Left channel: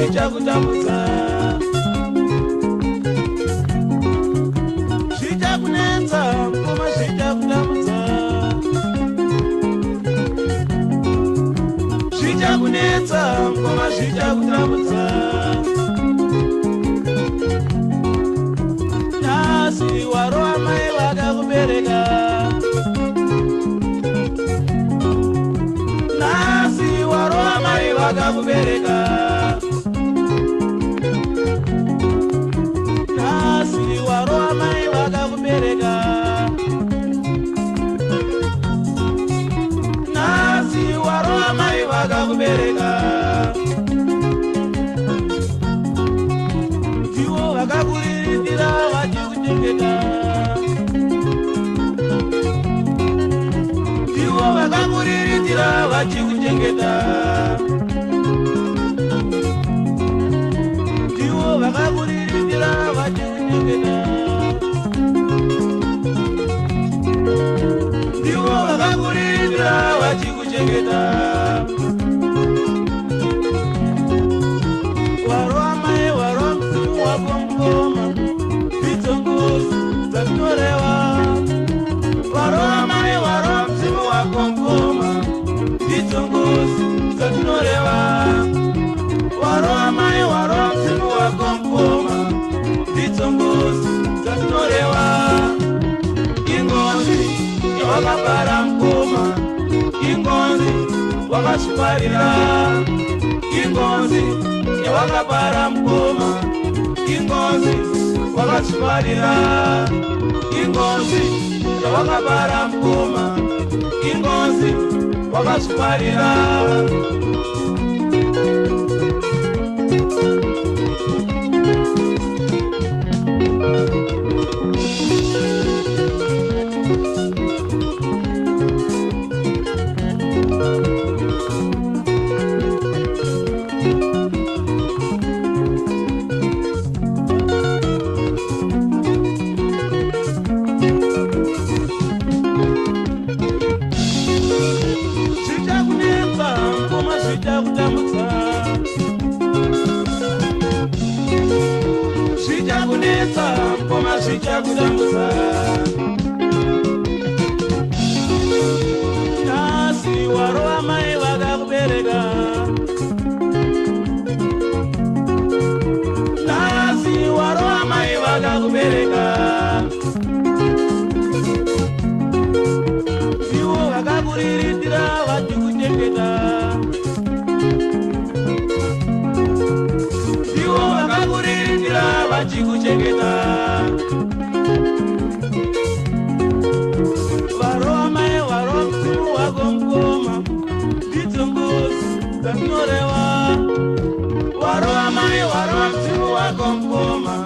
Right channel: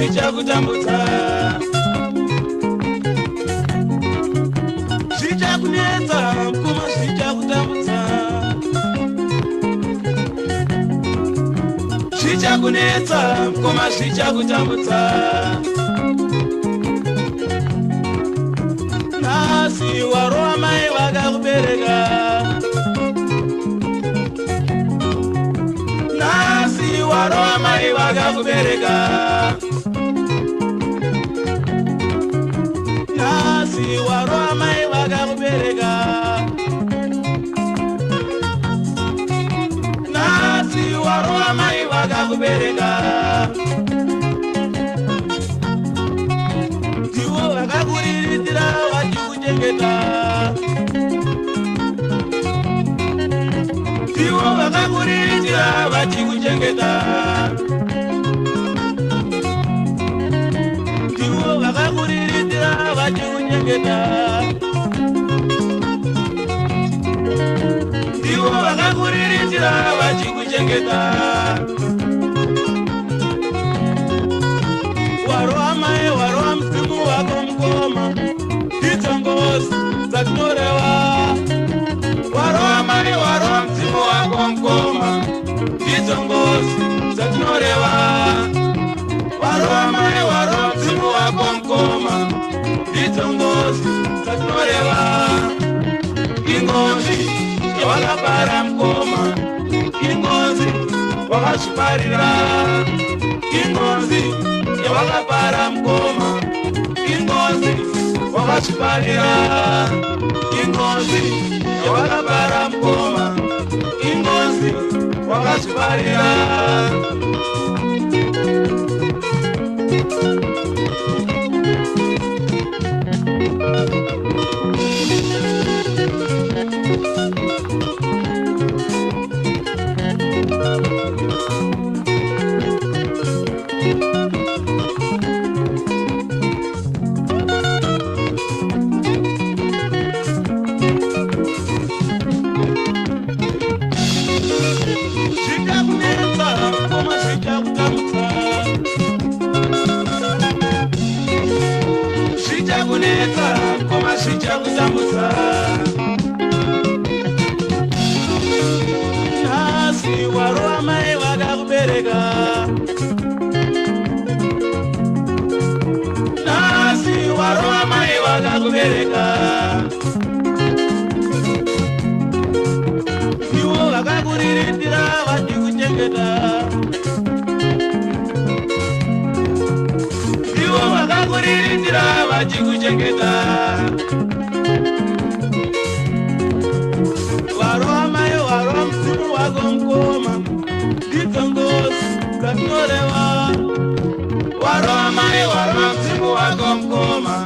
zvichakutambudza, zvichakunetsa mukoma, zvichakutambudza, zvichakunetsa mukoma, zvichakutambudza. Nhasi warova mai vakakubereka, nhasi warova mai vakakubereka, nhasi warova mai vakakubereka, nhasi warova mai vakakubereka. Ndivo vakakuriritira vachikuchengeta, ndivo vakakuriritira vachikuchengeta, ndivo vakakuriritira vachikuchengeta, ndivo vakakuriritira vachikuchengeta. Warova mai, warova msimu wako mkoma, ndidzo ngozi dzakutoreva. Warova mai, warova msimu wako mkoma, ndidzo ngozi dzakutoreva. Warova mai, warova msimu wako mkoma, ndidzo ngozi dzakutoreva. Ingozi yawakabara mkoma, ingozi wakashiparira, ingozi yawakabara mkoma, ingozi wakashiparira, ingozi yawakabara mkoma, ingozi wakashiparira. Zvichakunetsa mukoma, zvichakutambudza, zvichakunetsa mukoma, zvichakutambudza. Nhasi warova mai vakakubereka, nhasi warova mai vakakubereka, ivo vakakuriritira vachikuchengeta, ivo vakakuriritira vachikuchengeta. Warova mai, warova msimu wako mkoma, ndidzo ngozi dzakutoreva. Warova mai, warova msimu wako mkoma,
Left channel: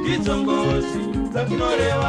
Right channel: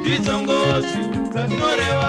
ndidzo ngozi dzakutoreva.